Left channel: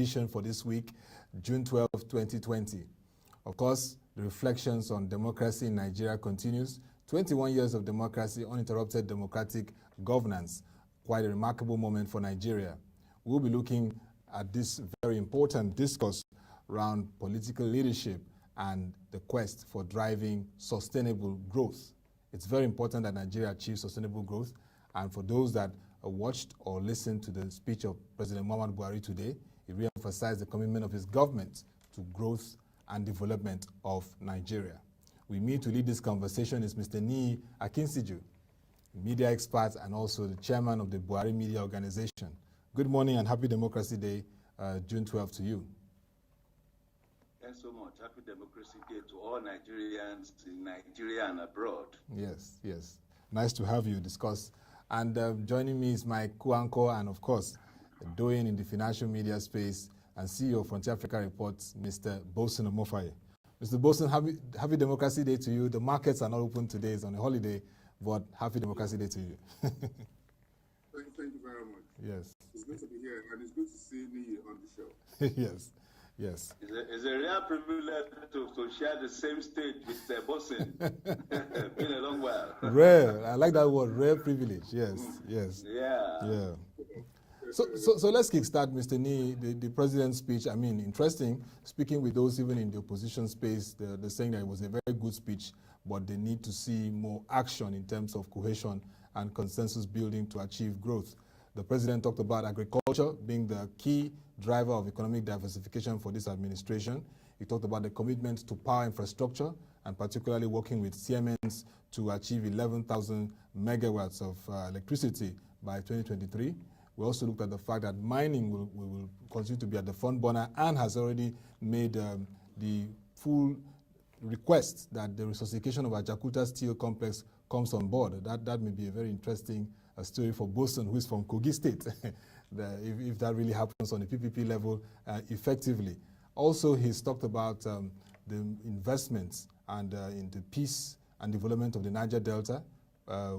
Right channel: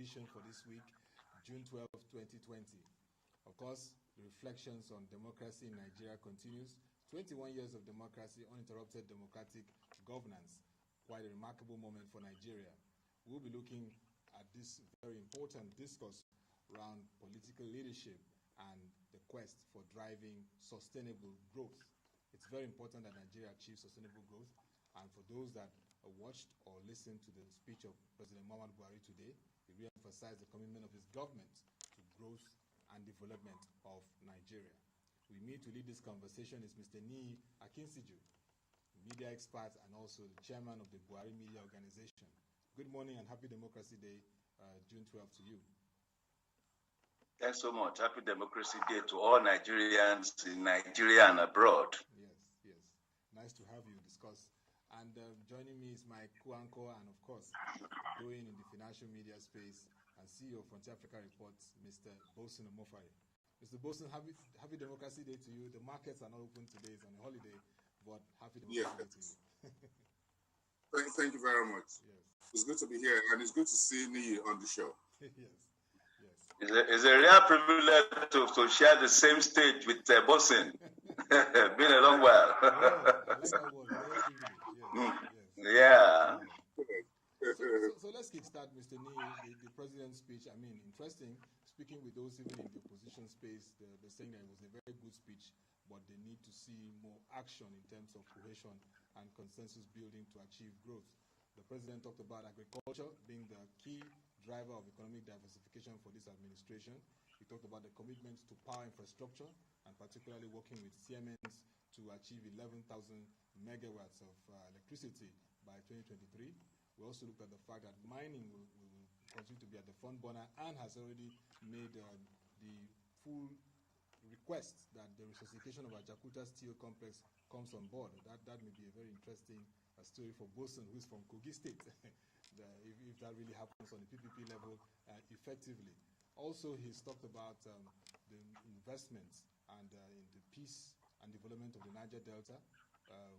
edition for this week, June 12, 2020. Of course, the reflections on democracy in Nigeria continues. 21 years of democracy, uninterrupted democratic governance. Quite a remarkable moment for Nigeria. We'll be looking at this very important discourse around political leadership and the quest for driving sustainable growth. It's very important that Nigeria achieves sustainable growth. And for those that watched or listened to the speech of President Muhammadu Buhari today, he re-emphasized the commitment of his government to growth and development of Nigeria. With me to lead this conversation is Mr. Niyi Akinsiju, media expert and also the chairman of the Buhari Media Organization. Good morning and happy Democracy Day, June 12 to you. Thanks so much. Happy Democracy Day to all Nigerians in Nigeria and abroad. Yes, yes. Nice to have you discuss. And joining me is my co-anchor and, of course, doing in the financial media space and CEO of Frontier Africa Reports, Mr. Boason Omofaye. Mr. Boason, happy Democracy Day to you. The markets are not open today, it's on a holiday, but happy Democracy Day to you. Thank you very much. Yes. It's good to be here, and it's good to see Niyi on the show. Yes, yes. It's a real privilege to share the same stage with Boason. Been a long while. Rare. I like that word, rare privilege. Yes, yes. Yeah. So let's kickstart, Mr. Niyi, the president's speech. I mean, interesting, speaking with those even in the opposition space, they're saying that it was a very good speech, but they need to see more action in terms of cohesion and consensus building to achieve growth. The president talked about agriculture being the key driver of economic diversification for this administration. He talked about the commitment to power infrastructure and particularly working with CMNs to achieve 11,000 megawatts of electricity by 2023. We also looked at the fact that mining will continue to be at the front burner and has already made the full request that the resuscitation of our Jakarta Steel Complex comes on board. That may be a very interesting story for Boason, who is from Kogi State, if that really happens on the PPP level effectively. Also, he's talked about the investments and in the peace and development of the Niger Delta.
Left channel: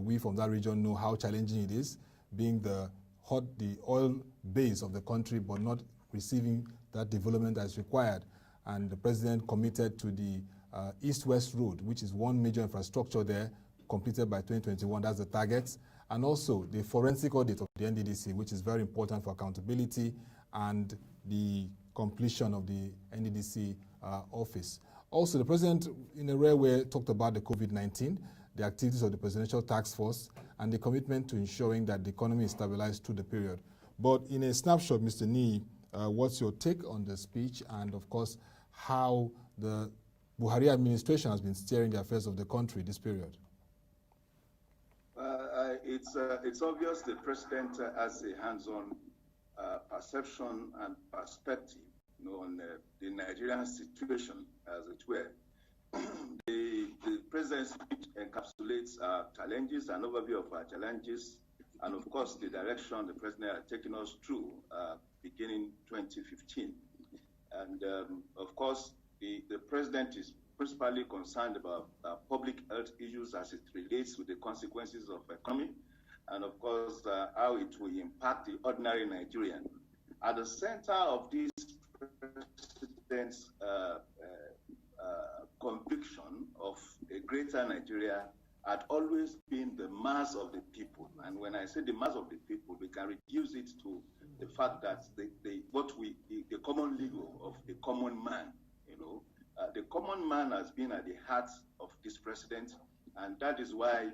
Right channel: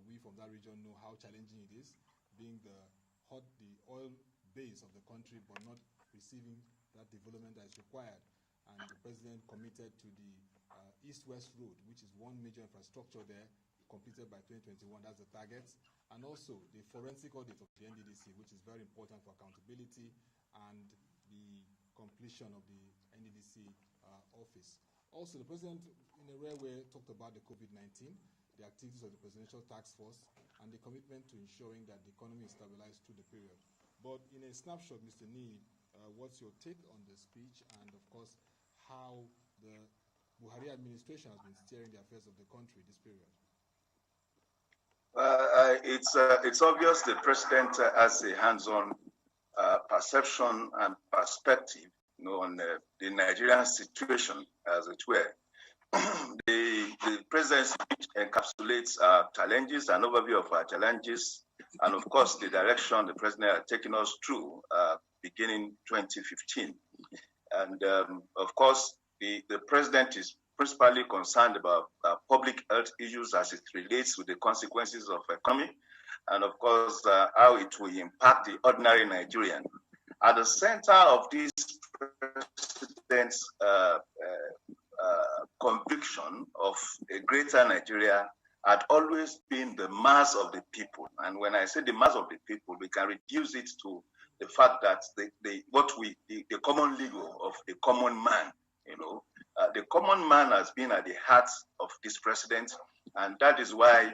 We from that region know how challenging it is, being the oil base of the country, but not receiving that development as required. And the president committed to the East-West Road, which is one major infrastructure there, completed by 2021. That's the target. And also the forensic audit of the NDDC, which is very important for accountability and the completion of the NDDC office. Also, the president, in a rare way, talked about the COVID-19, the activities of the Presidential Task Force, and the commitment to ensuring that the economy is stabilized through the period. But in a snapshot, Mr. Niyi, what's your take on the speech and, of course, how the Buhari administration has been steering the affairs of the country this period? It's obvious the president has a hands-on perception and perspective, on the Nigerian situation, as it were. The president's speech encapsulates our challenges, an overview of our challenges, and of course the direction the president has taken us through beginning 2015. And of course, the president is principally concerned about public health issues as it relates to the consequences of economy, and of course how it will impact the ordinary Nigerian. At the center of this president's conviction of a greater Nigeria had always been the mass of the people. And when I say the mass of the people, we can reduce it to the fact that the common legal of the common man, the common man has been at the heart of this president, and that is why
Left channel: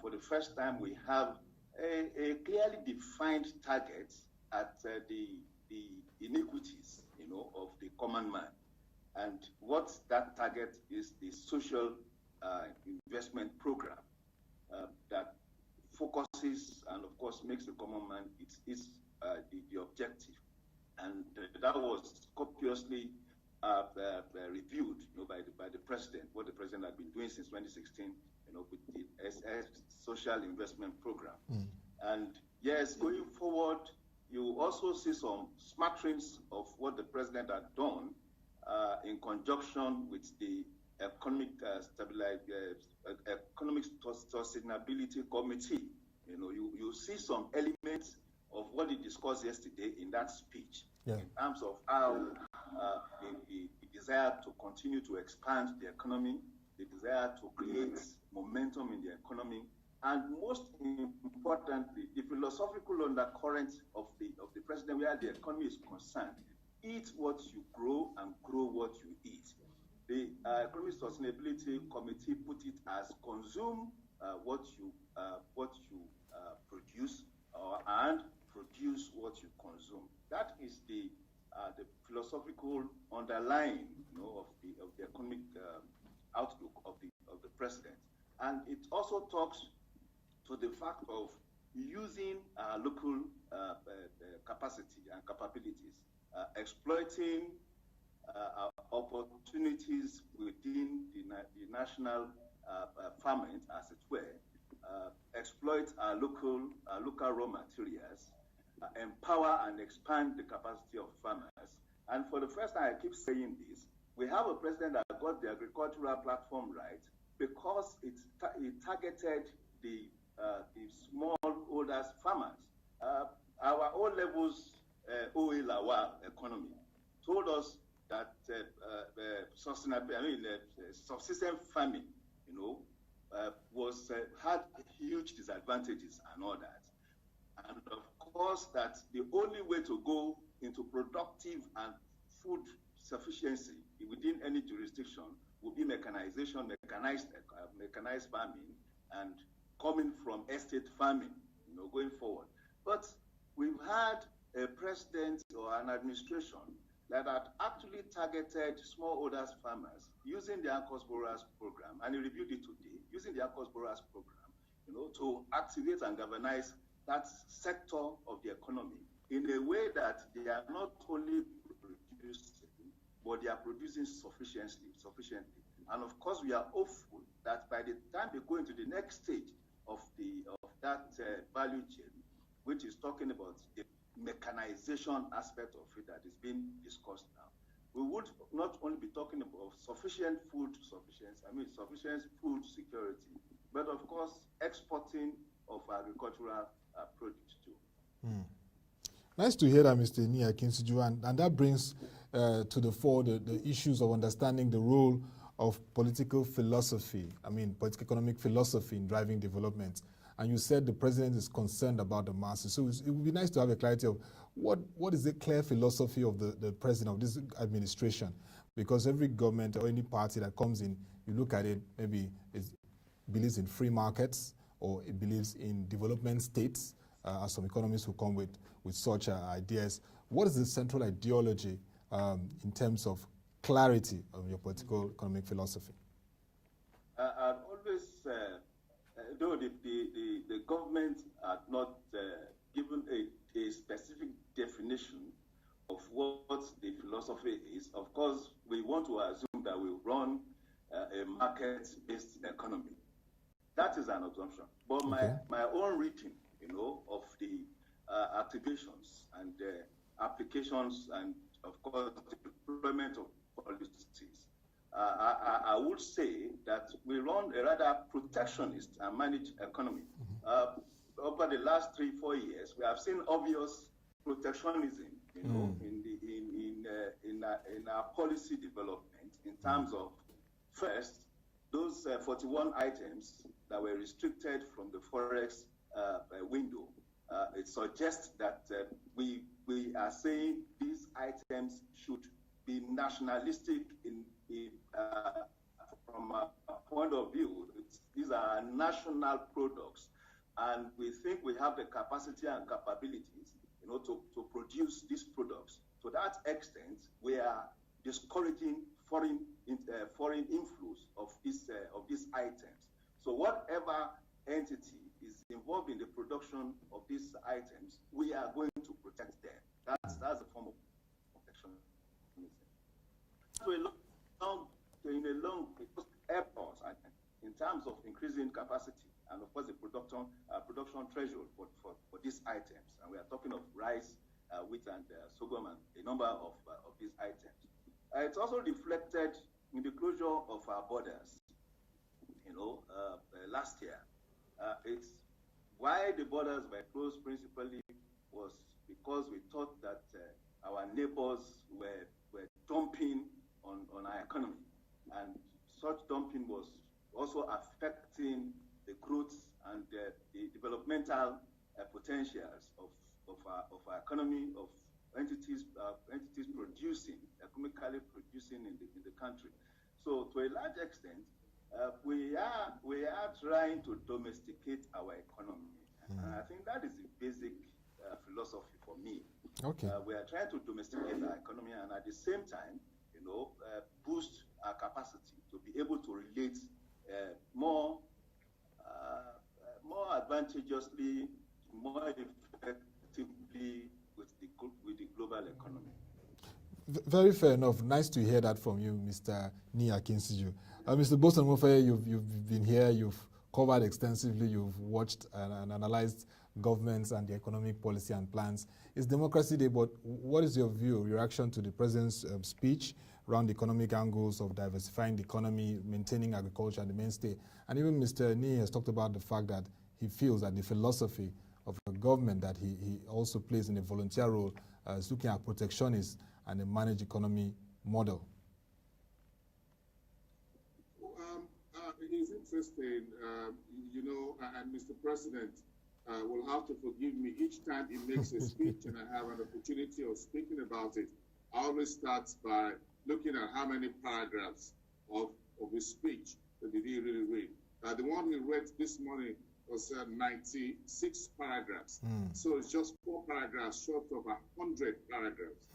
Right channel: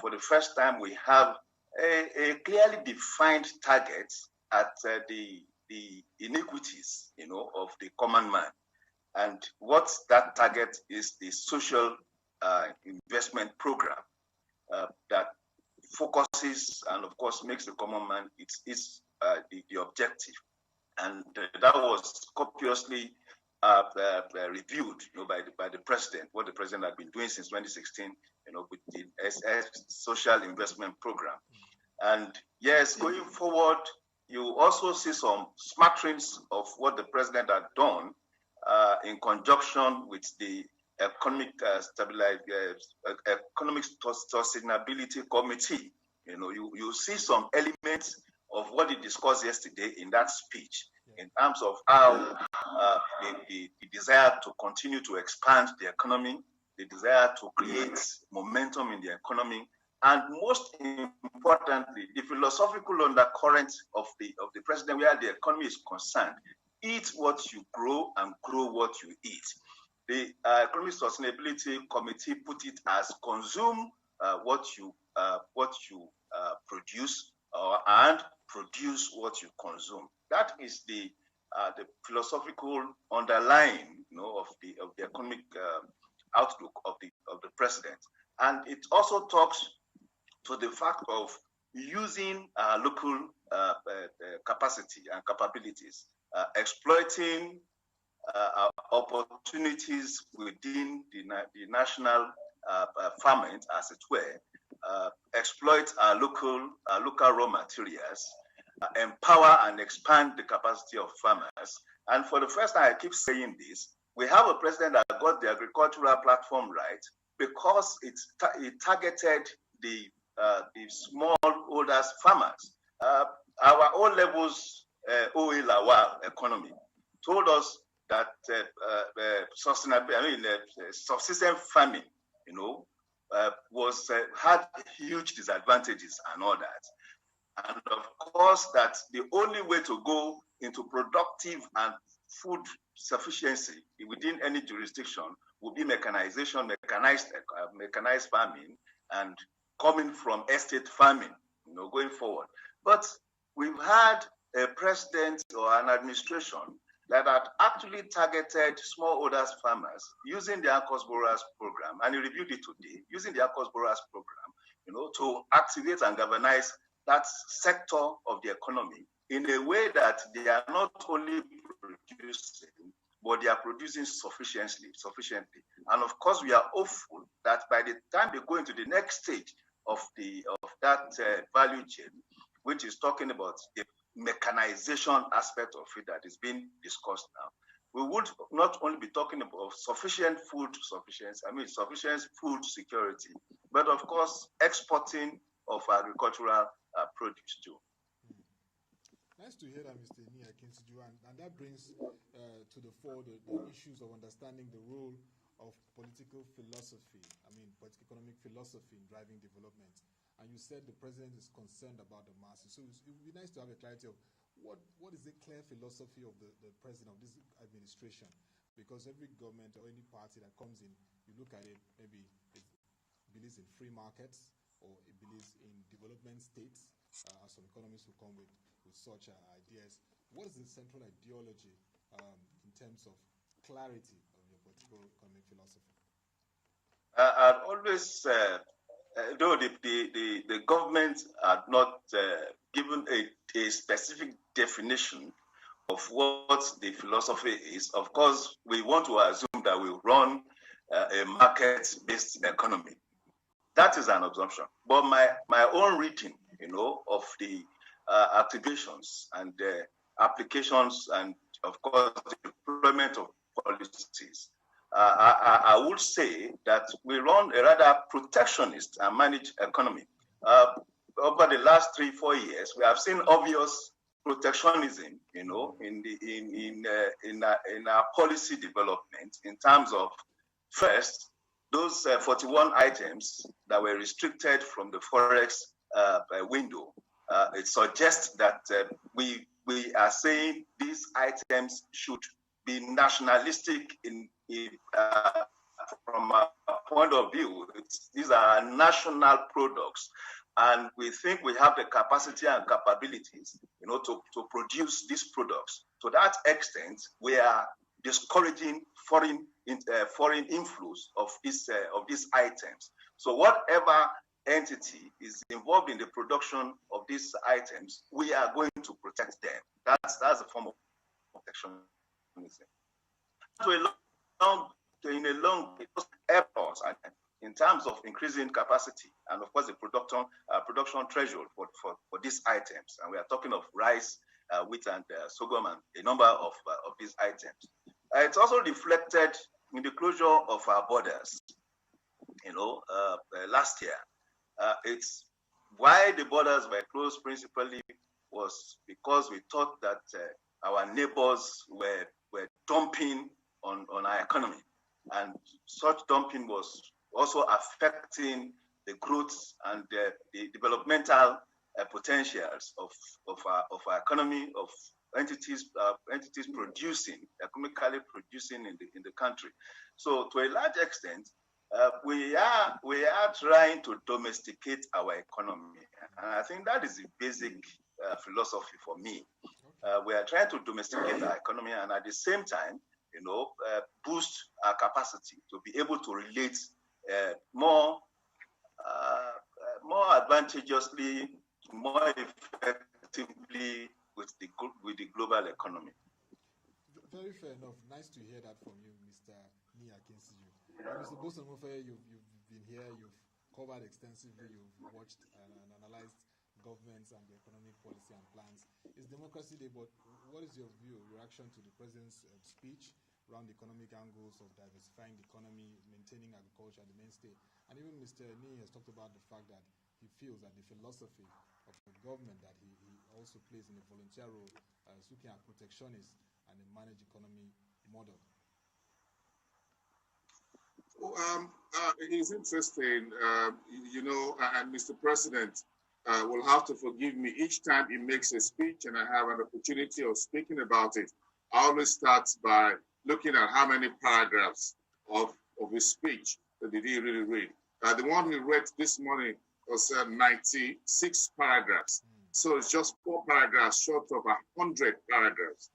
for the first time we have a clearly defined target at the inequities, of the common man. And what that target is the social investment program that focuses and, of course, makes the common man the objective. And that was copiously reviewed, by the president, what the president had been doing since 2016, with the social investment program. And yes, going forward, you also see some smatterings of what the president had done in conjunction with the Economic Sustainability Committee. You see some elements of what he discussed yesterday in that speech, yeah, in terms of how the desire to continue to expand the economy, the desire to create momentum in the economy, and most importantly, the philosophical undercurrent of the president where the economy is concerned: eat what you grow and grow what you eat. The Economic Sustainability Committee put it as consume what you produce and produce what you consume. That is the philosophical underlying, of the economic outlook of the president, and it also talks to the fact of using local capacity and capabilities, exploiting opportunities within the national farming, as it were, exploit our local raw materials, empower and expand the capacity of farmers. And for the first time, I keep saying this, we have a president that got the agricultural platform right because it targeted the smallholders farmers. Our O levels OELAWA economy told us that subsistence farming, had huge disadvantages and all that. And of course, that the only way to go into productive and food sufficiency within any jurisdiction would be mechanization, mechanized farming, and coming from estate farming, going forward. But we've had a president or an administration that had actually targeted smallholders farmers using the ACOS Borrowers Program, and he reviewed it today, using the ACOS Borrowers Program, to activate and galvanize that sector of the economy in a way that they are not only producing, but they are producing sufficiently. And of course, we are hopeful that by the time they go into the next stage of that value chain, which is talking about the mechanization aspect of it that is being discussed now, we would not only be talking about sufficient food food security, but of course, exporting of agricultural produce too. Nice to hear that, Mr. Niyi Akinsiju, and that brings to the fore the issues of understanding the role of political philosophy, political economic philosophy in driving development. And you said the president is concerned about the masses. So it would be nice to have a clarity of what is the clear philosophy of the president of this administration? Because every government or any party that comes in, you look at it, maybe it believes in free markets or it believes in development states, as some economists who come with such ideas. What is the central ideology in terms of clarity of your political economic philosophy? I've always, though the government had not given a specific definition of what the philosophy is, of course, we want to assume that we run a market-based economy. That is an assumption. But my own reading, of the activations and applications and, of course, the deployment of policies, I would say that we run a rather protectionist and managed economy. Over the last 3-4 years, we have seen obvious protectionism, in our policy development in terms of, first, those 41 items that were restricted from the forex window. It suggests that we are saying these items should be nationalistic from a point of view. These are national products, and we think we have the capacity and capabilities, to produce these products. To that extent, we are discouraging foreign inflows of these items. So whatever entity is involved in the production of these items, we are going to protect them. That's a form of protection. In a long airports, in terms of increasing capacity, and of course the production threshold for these items, and we are talking of rice, wheat, and sorghum, and a number of these items. It's also reflected in the closure of our borders. Last year, it's why the borders were closed principally was because we thought that our neighbors were dumping on our economy. And such dumping was also affecting the growth and the developmental potentials of our economy, of entities producing, economically producing in the country. So to a large extent, we are trying to domesticate our economy. And I think that is the basic philosophy for me. Okay. We are trying to domesticate our economy and at the same time, boost our capacity to be able to relate more advantageously, more effectively with the global economy. Very fair enough. Nice to hear that from you, Mr. Niyi Akinsiju. Mr. Boason, Omofaye, you've been here, you've covered extensively, you've watched and analyzed governments and the economic policy and plans. It's Democracy Day, but what is your view, your reaction to the President's speech around the economic angles of diversifying the economy, maintaining agriculture and the mainstay? And even Mr. Niyi has talked about the fact that he feels that the philosophy of a government that he also plays in a volunteer role is looking at protectionist and a managed economy model. It is interesting, and Mr. President will have to forgive me each time he makes a speech and I have an opportunity of speaking about it. I always start by looking at how many paragraphs of his speech did he really read. The one he read this morning was 96 paragraphs. So it's just 4 paragraphs short of 100 paragraphs.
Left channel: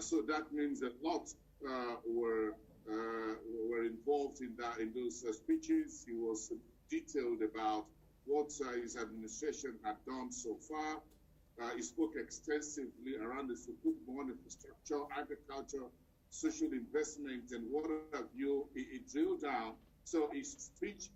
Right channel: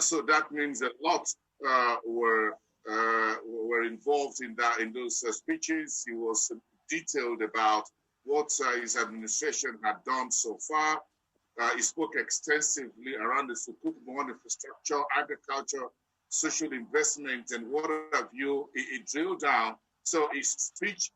So that means a lot were involved in those speeches. He was detailed about what his administration had done so far. He spoke extensively around the Sukuk Born infrastructure, agriculture, social investment, and what have you. He drilled down. So his speech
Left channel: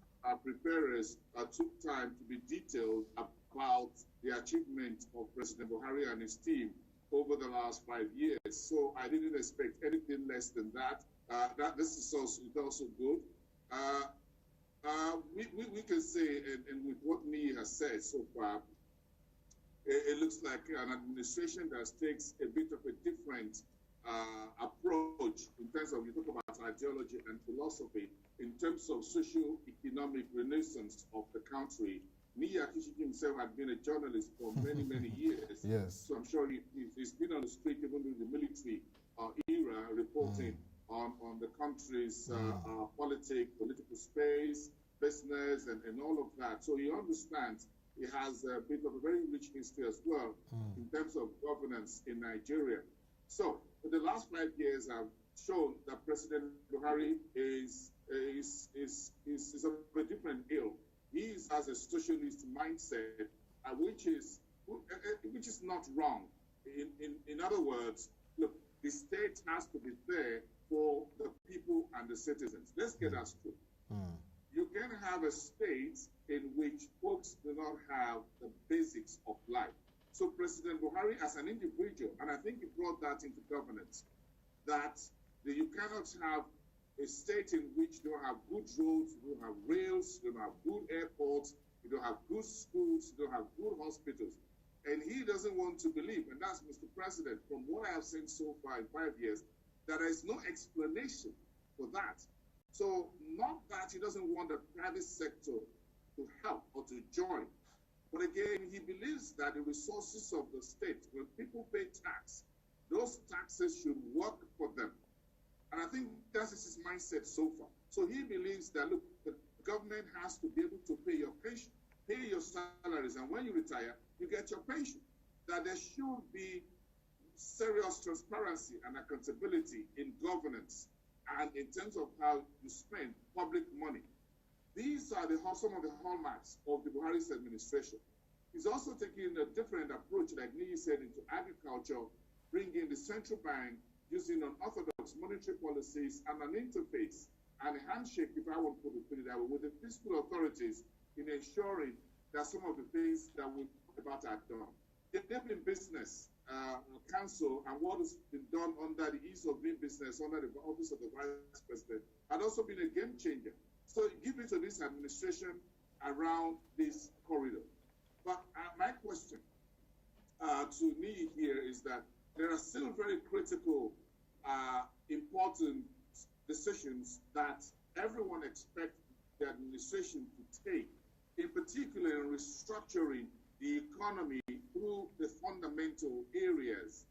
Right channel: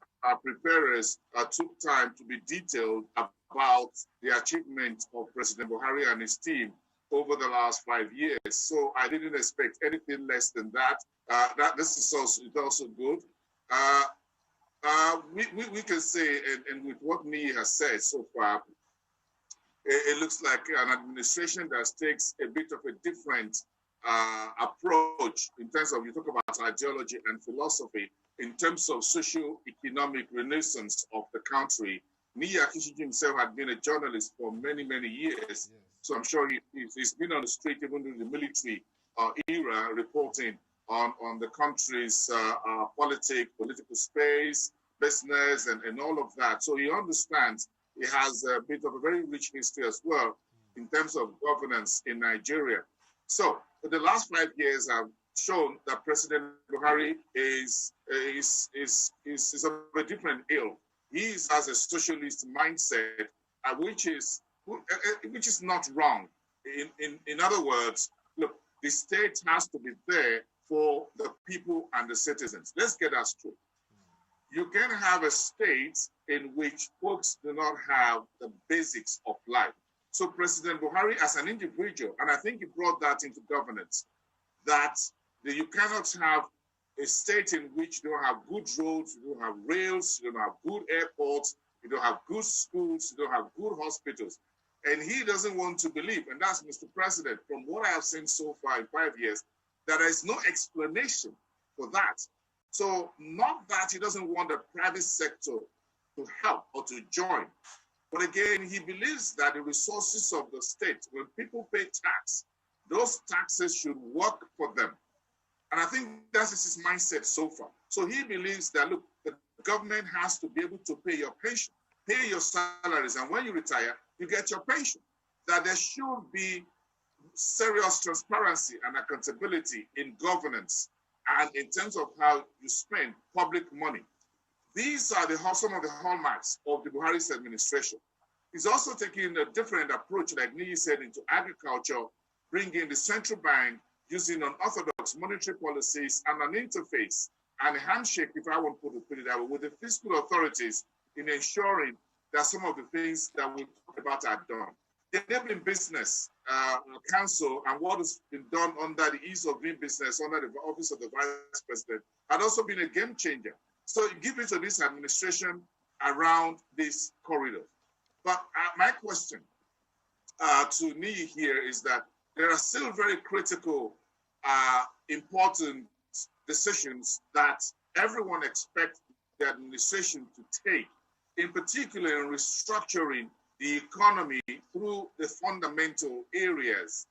preparers took time to be detailed about the achievement of President Buhari and his team over the last 5 years. So I didn't expect anything less than that. This is also good. We can say, and with what Niyi has said so far, it looks like an administration that takes a bit of a different approach in terms of, you talk about ideology and philosophy, in terms of socio-economic renaissance of the country. Niyi Akinsiju himself had been a journalist for many, many years. Yes. So I'm sure he's been on the street even during the military era, reporting on the country's political space, business, and all of that. So he understands. He has a bit of a very rich history as well in terms of governance in Nigeria. So for the last 5 years have shown that President Buhari is of a different ilk. He has a socialist mindset, which is not wrong. In other words, look, the state has to be there for the people and the citizens. Let's get that straight. You can have a state in which folks do not have the basics of life. So President Buhari as an individual, and I think he brought that into governance, that you cannot have a state in which you don't have good roads, you don't have rails, you don't have good airports, you don't have good schools, you don't have good hospitals. And he doesn't want to believe, and that's Mr. President, from what I have seen so far in 5 years, that there is no explanation for that. So not that he doesn't want the private sector to help or to join, but again, he believes that the resources of the state, when people pay tax, those taxes should work for them. And I think that is his mindset so far. So he believes that, look, the government has to be able to pay your pension, pay your salaries, and when you retire, you get your pension. That there should be serious transparency and accountability in governance and in terms of how you spend public money. These are some of the hallmarks of the Buhari's administration. He's also taking a different approach, like Niyi said, into agriculture, bringing the central bank, using unorthodox monetary policies and an interface and a handshake, if I want to put it that way, with the fiscal authorities in ensuring that some of the things that we talk about are done. The Enabling Business Council and what has been done under the Ease of Doing Business under the Office of the Vice President had also been a game changer. So give it to this administration around this corridor. But my question, to Niyi here is that there are still very critical, important decisions that everyone expects the administration to take, in particular in restructuring the economy through the fundamental areas.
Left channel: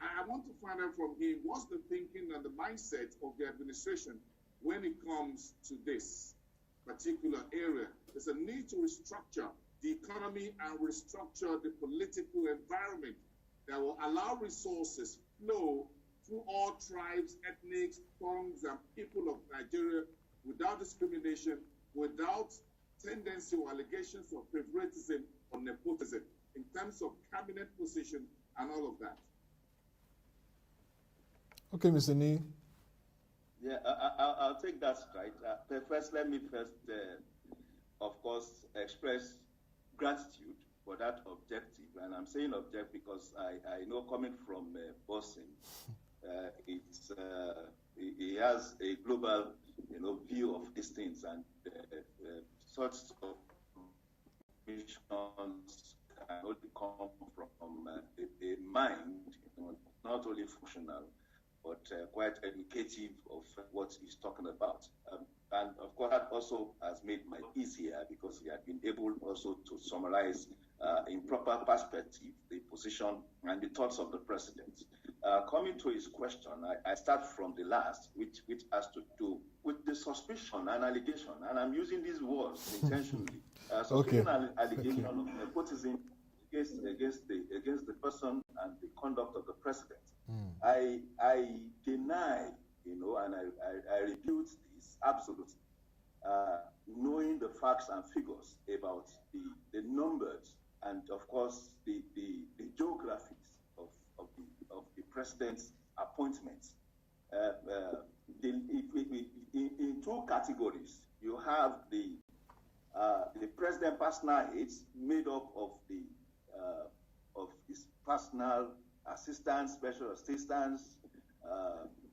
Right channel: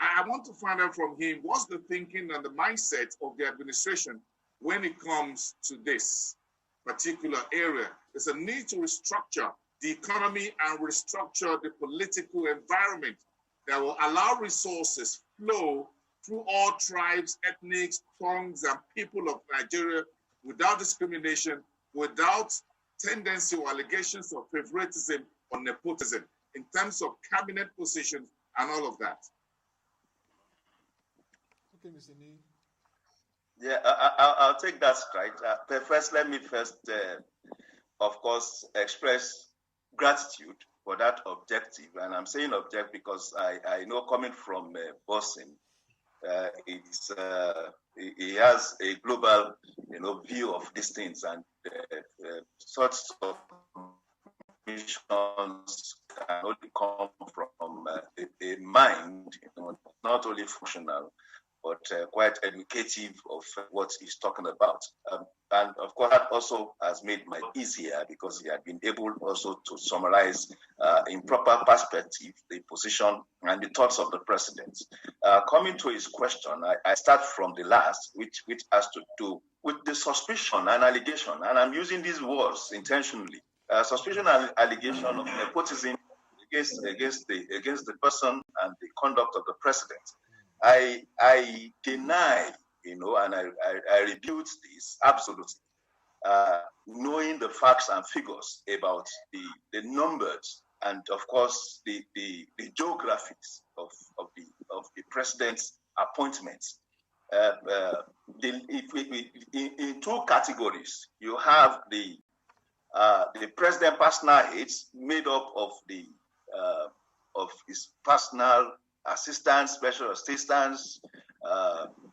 I want to find out from him, what's the thinking and the mindset of the administration when it comes to this particular area? There's a need to restructure the economy and restructure the political environment that will allow resources flow through all tribes, ethnics, tongues, and people of Nigeria without discrimination, without tendency or allegations of favoritism or nepotism in terms of cabinet positions and all of that. Okay, Mr. Niyi. Yeah, I'll take that straight. First, let me of course, express gratitude for that objective. And I'm saying objective because I know coming from Boason, he has a global, view of these things, and such missions can only come from a mind, not only functional, but quite educative of what he's talking about. And of course, that also has made my easier because he had been able also to summarize in proper perspective the position and the thoughts of the president. Coming to his question, I start from the last, which has to do with the suspicion and allegation, and I'm using these words intentionally. Suspicion and allegation of nepotism against the person and the conduct of the president. I deny, and I rebut this absolutely. Knowing the facts and figures about the numbers and of course the geographies of the president's appointments. In two categories, you have the president personal aides made up of his personal assistants, special assistants,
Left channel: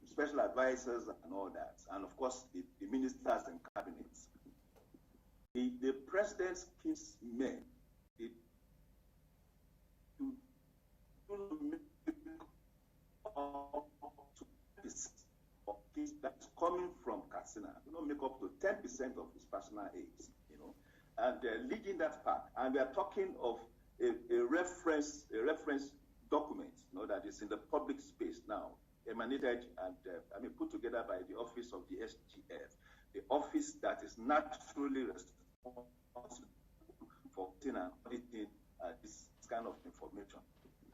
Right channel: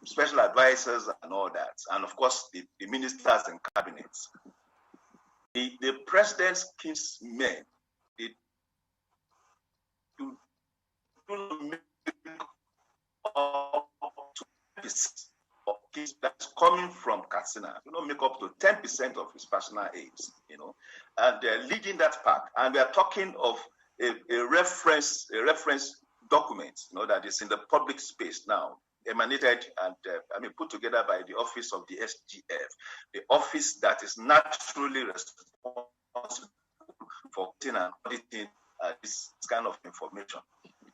special advisors, and all that, and of course the ministers and cabinets. The president's kinsmen, they do not make up to 10% of his that's coming from Katsina. Do not make up to 10% of his personal aides, and they're leading that pack. And we are talking of a reference document, that is in the public space now, emanated and put together by the office of the SGF, the office that is naturally responsible for auditing this kind of information.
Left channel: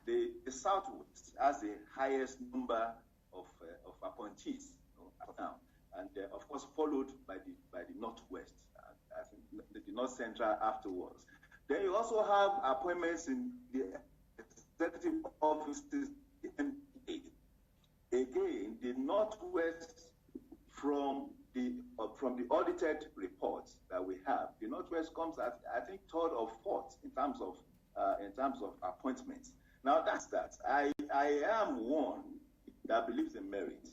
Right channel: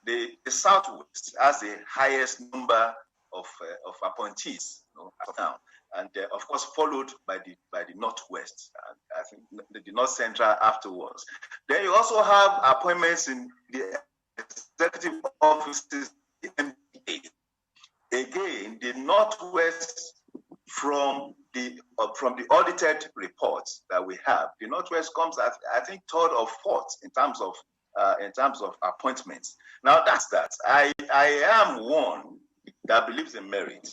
The Southwest has the highest number of appointees now, and of course followed by the Northwest, and I think the North Central afterwards. Then you also have appointments in the executive offices, the MPA. Again, the Northwest, from the audited reports that we have, the Northwest comes at, I think, third or fourth in terms of appointments. Now that's that. I am one that believes in merit.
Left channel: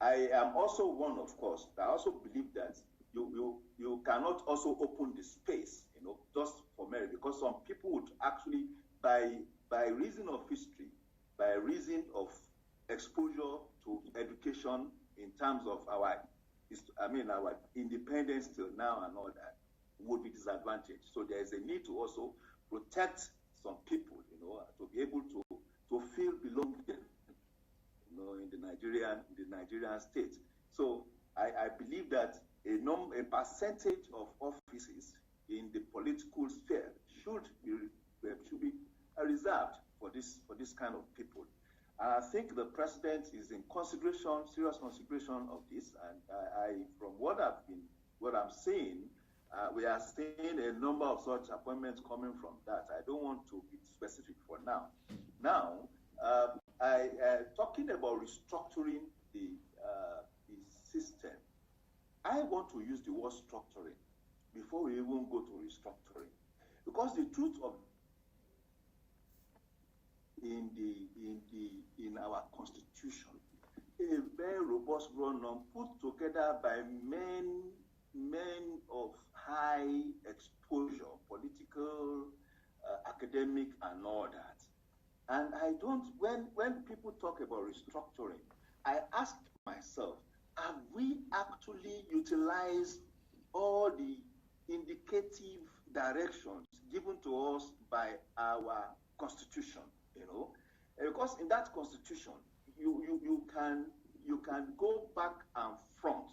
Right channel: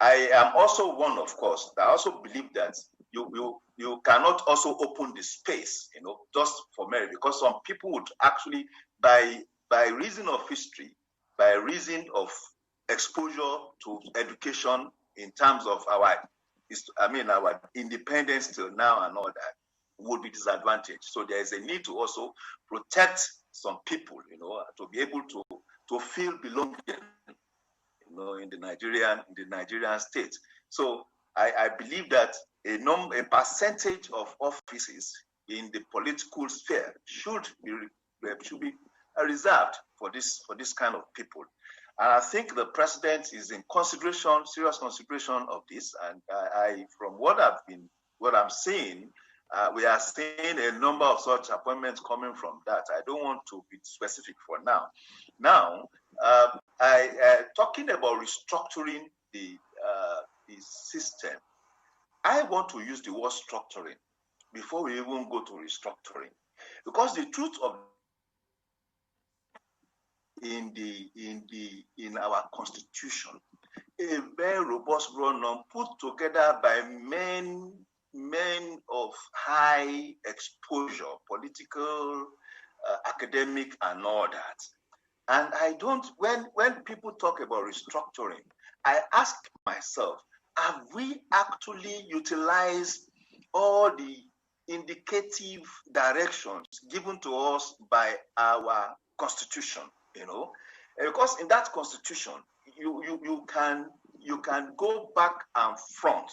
I am also one, of course, that also believe that you cannot also open the space, just for merit, because some people would actually, by reason of history, by reason of exposure to education in terms of our independence till now and all that, would be disadvantaged. So there is a need to also protect some people, to be able to feel belonging, in the Nigerian state. So I believe that a percentage of offices in the political sphere should be reserved for this kind of people. And I think the president is in serious consideration of this. And from what I'm seeing, we are seeing a number of such appointments coming from that. I don't want to be specific for now. Now, talking about restructuring the system, I want to use the word structuring before we even go to restructuring, because the truth of in our constitution, a very robust run-on put together by men of high exposure, political academic and all that. And I don't, when people talk about restructuring, I ask myself, have we actually utilized all the indicative directions given to us by our constitution, because in that constitution, you can go back and front.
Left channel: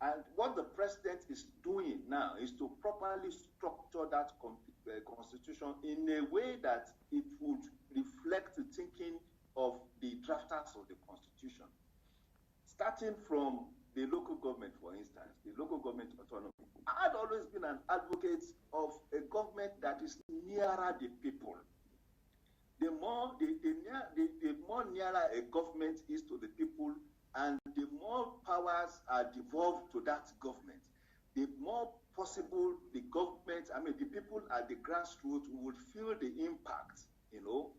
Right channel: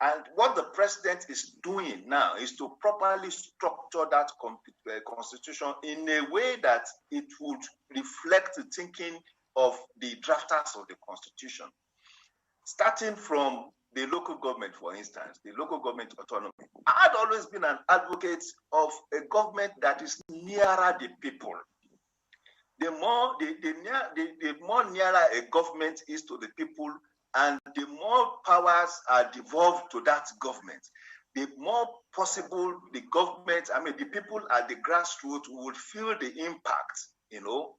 And what the president is doing now is to properly structure that constitution in a way that it would reflect the thinking of the drafters of the constitution. Starting from the local government, for instance, the local government autonomy. I had always been an advocate of a government that is nearer the people. The more nearer a government is to the people, and the more powers are devolved to that government, the more possible the government, the people at the grassroots would feel the impact,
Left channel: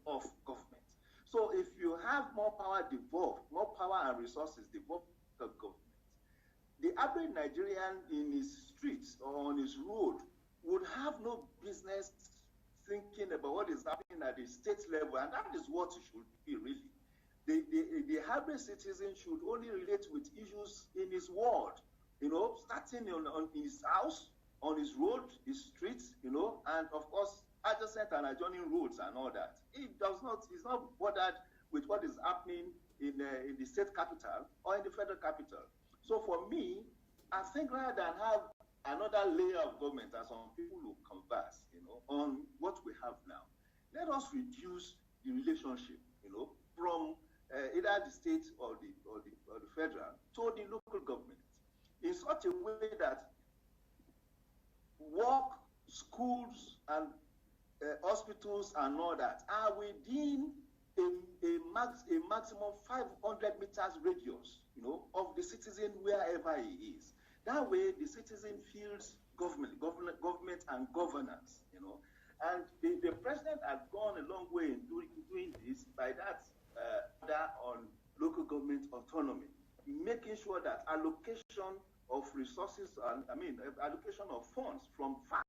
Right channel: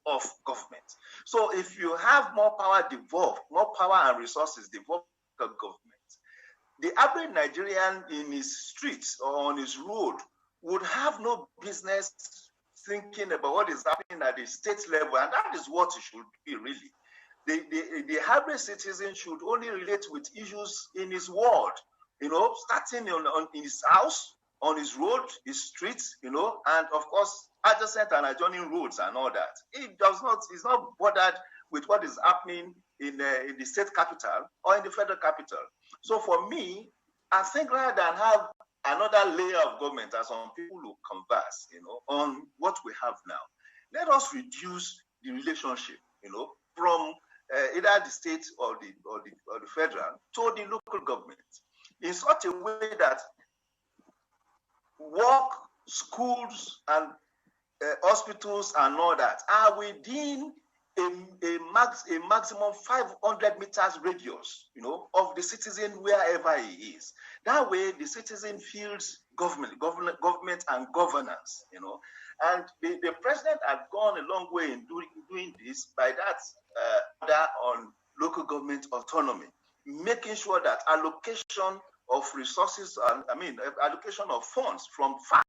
of government. So if you have more power devolved, more power and resources devolved to government, the average Nigerian in his streets or on his road would have no business thinking about what is happening at the state level, and that is what it should be really. The average citizen should only relate with issues in his ward, starting in his house, on his road, his streets, and of course, adjacent and adjoining roads and all that. He's not bothered with what is happening in the state capital or in the federal capital. So for me, I think rather than have another layer of government, as some people who converse, on what we have now, let us reduce the relationship, from either the state or the federal to the local government in such a way that work, schools, and hospitals and all that are within a maximum 500 meters radius, of the citizen wherever he is. That way, the citizen feels government and governance, And the president had gone a long way in doing this by that order on local government autonomy, making sure that allocation of resources, allocation of funds from FAC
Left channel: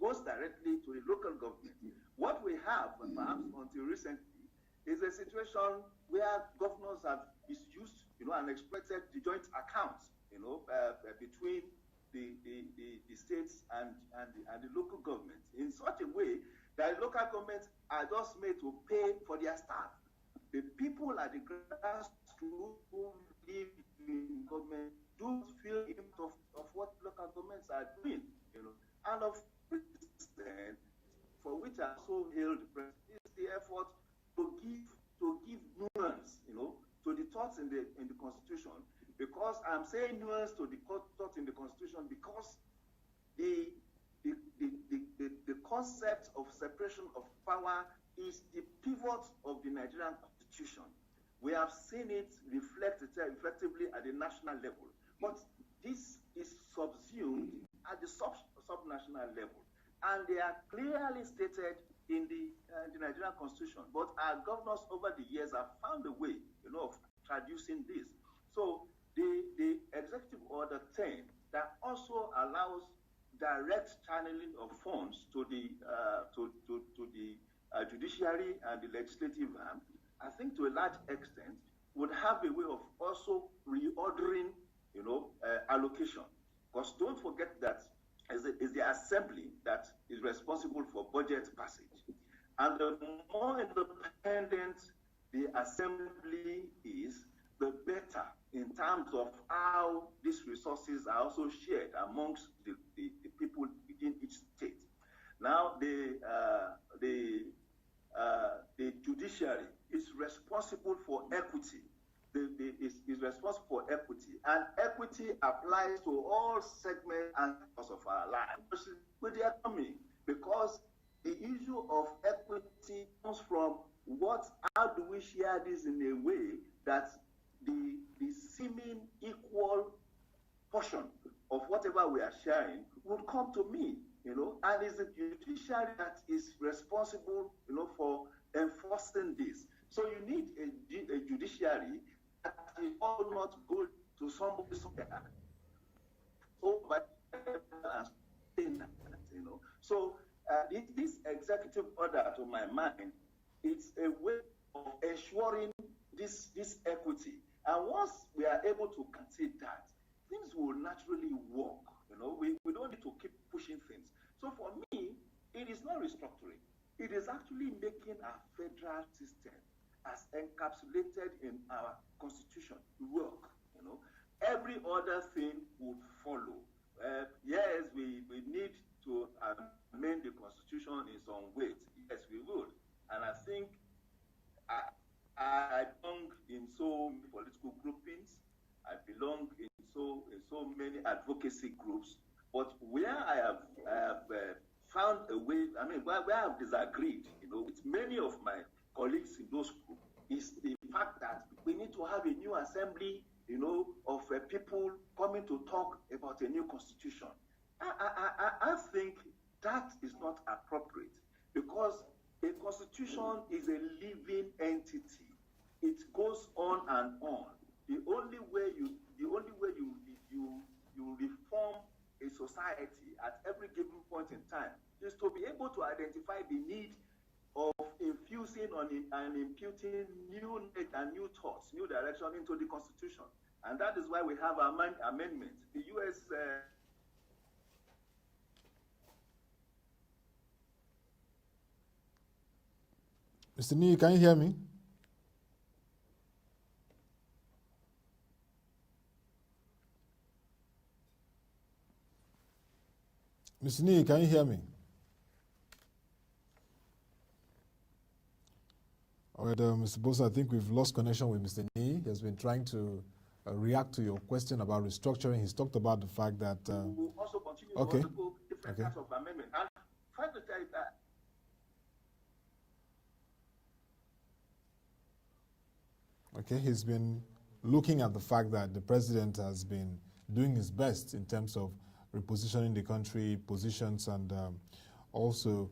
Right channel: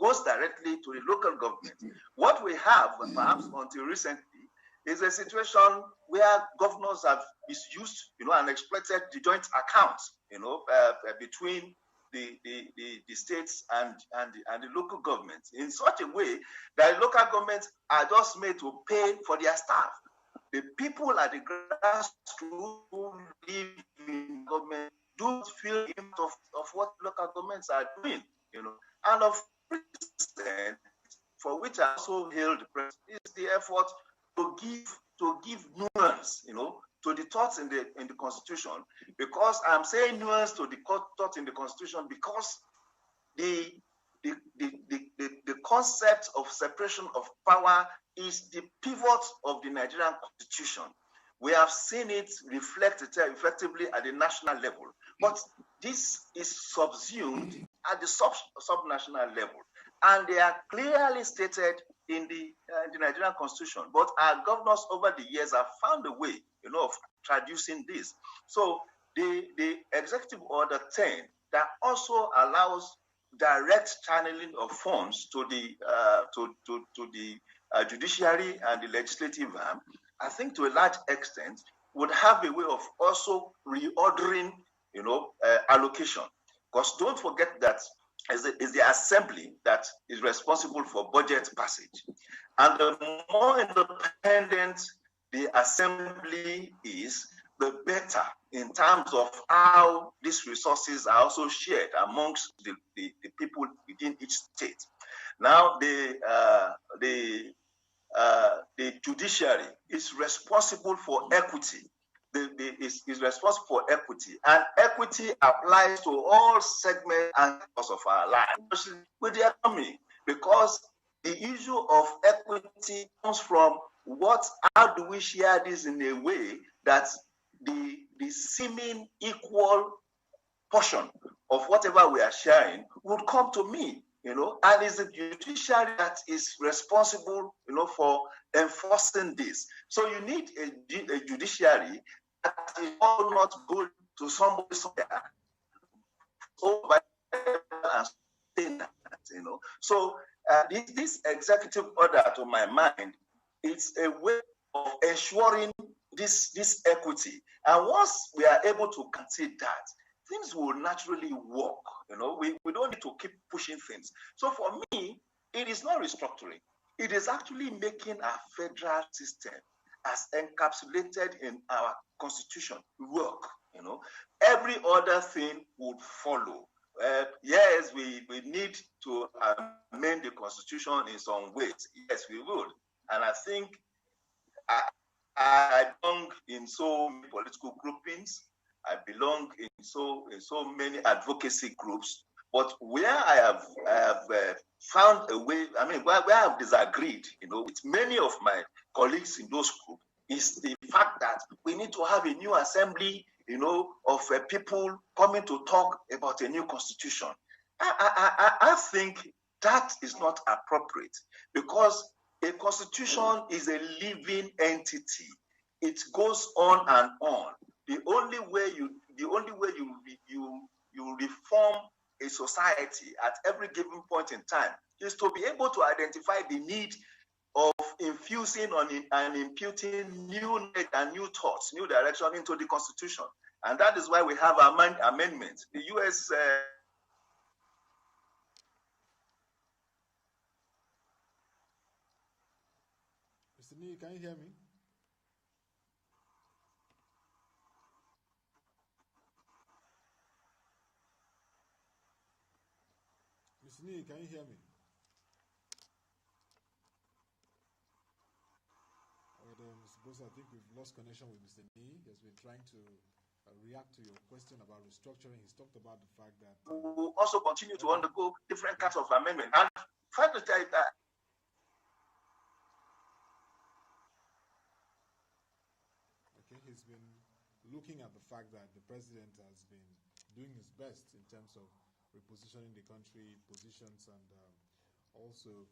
goes directly to the local government. What we have, perhaps until recently, is a situation where governors have misused, and exploited the joint accounts, between the states and the local governments in such a way that local governments are just made to pay for their staff. The people at the grassroots who live in government do feel the impact of what local governments are doing, And of recent, for which I also hailed the president, is the effort to give nuance, to the thoughts in the Constitution, because I'm saying nuance to the thoughts in the Constitution because the concept of separation of power is the pivot of the Nigerian Constitution. We have seen it reflected effectively at the national level, but this is subsumed at the subnational level, and they are clearly stated in the Nigerian Constitution. But our governors over the years have found a way, of traducing this. So the Executive Order 10 that also allows direct channeling of funds to the judiciary and the legislative arm, I think to a large extent would have a way of also reordering, allocation. Because don't forget that is the assembly that is responsible for budget passage. And the more independent the assembly is, the better in terms of how these resources are also shared amongst the people within each state. Now, the judiciary is responsible for equity. Is responsible for equity, and equity applies to all segments and aspects of our life, especially with the economy, because the issue of equity comes from how do we share this in a way that the seeming equal portion of whatever we are sharing would come to me, and it's the judiciary that is responsible, for enforcing this. So you need a judiciary that is all not good to somebody somewhere. So This executive order, to my mind, it's a way of ensuring this equity. And once we are able to concede that, things will naturally work. We don't need to keep pushing things. So for me, it is not restructuring. It is actually making our federal system, as encapsulated in our constitution, work. Every other thing would follow. Yes, we need to amend the constitution in some ways. Yes, we would. And I think I belong in so many political groupings. I belong in so many advocacy groups. But where I have found a way, where I have disagreed, with many of my colleagues in those groups, is the fact that we need to have a new assembly, of people coming to talk about a new constitution. I think that is not appropriate, because a constitution is a living entity. It goes on and on. The only way you reform a society at every given point in time is to be able to identify the need of infusing and imputing new knowledge and new thoughts, new direction into the constitution. And that is why we have amendments. The U.S. Mr. Niyi, can you hear me? Mr. Niyi, can you hear me? All right, Mr. Boason, I think we've lost connection with Mr. Niyi. He has been trying to react to your question about restructuring. He's talked about the fact that... we'll also continue to undergo different kinds of amendment. And try to tell you that... Okay, he's been looking at the fact that the president has been doing his best in terms of repositioning the country positions, and also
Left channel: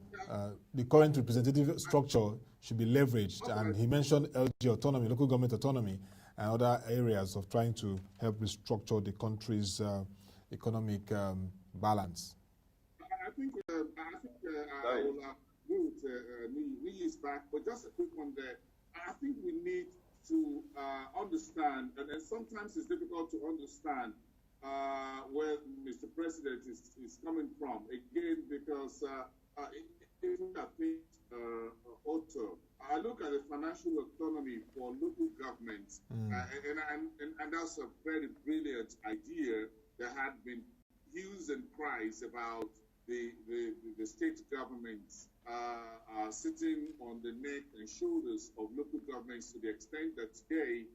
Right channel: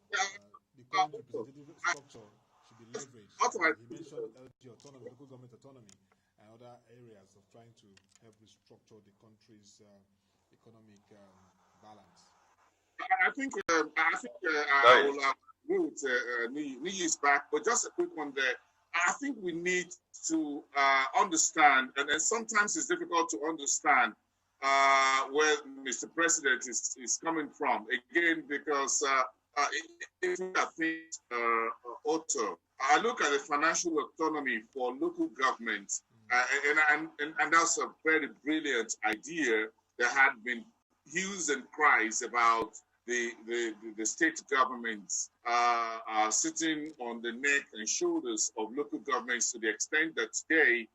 the current representative structure should be leveraged. And he mentioned LG autonomy, local government autonomy, and other areas of trying to help restructure the country's economic balance. I think I will agree with Niyi is back, but just a quick one there. I think we need to understand, and sometimes it's difficult to understand where Mr. President is coming from. Again, because if I think, Otto, I look at the financial autonomy for local governments, and that's a very brilliant idea. There had been hues and cries about the state governments sitting on the neck and shoulders of local governments, to the extent that today,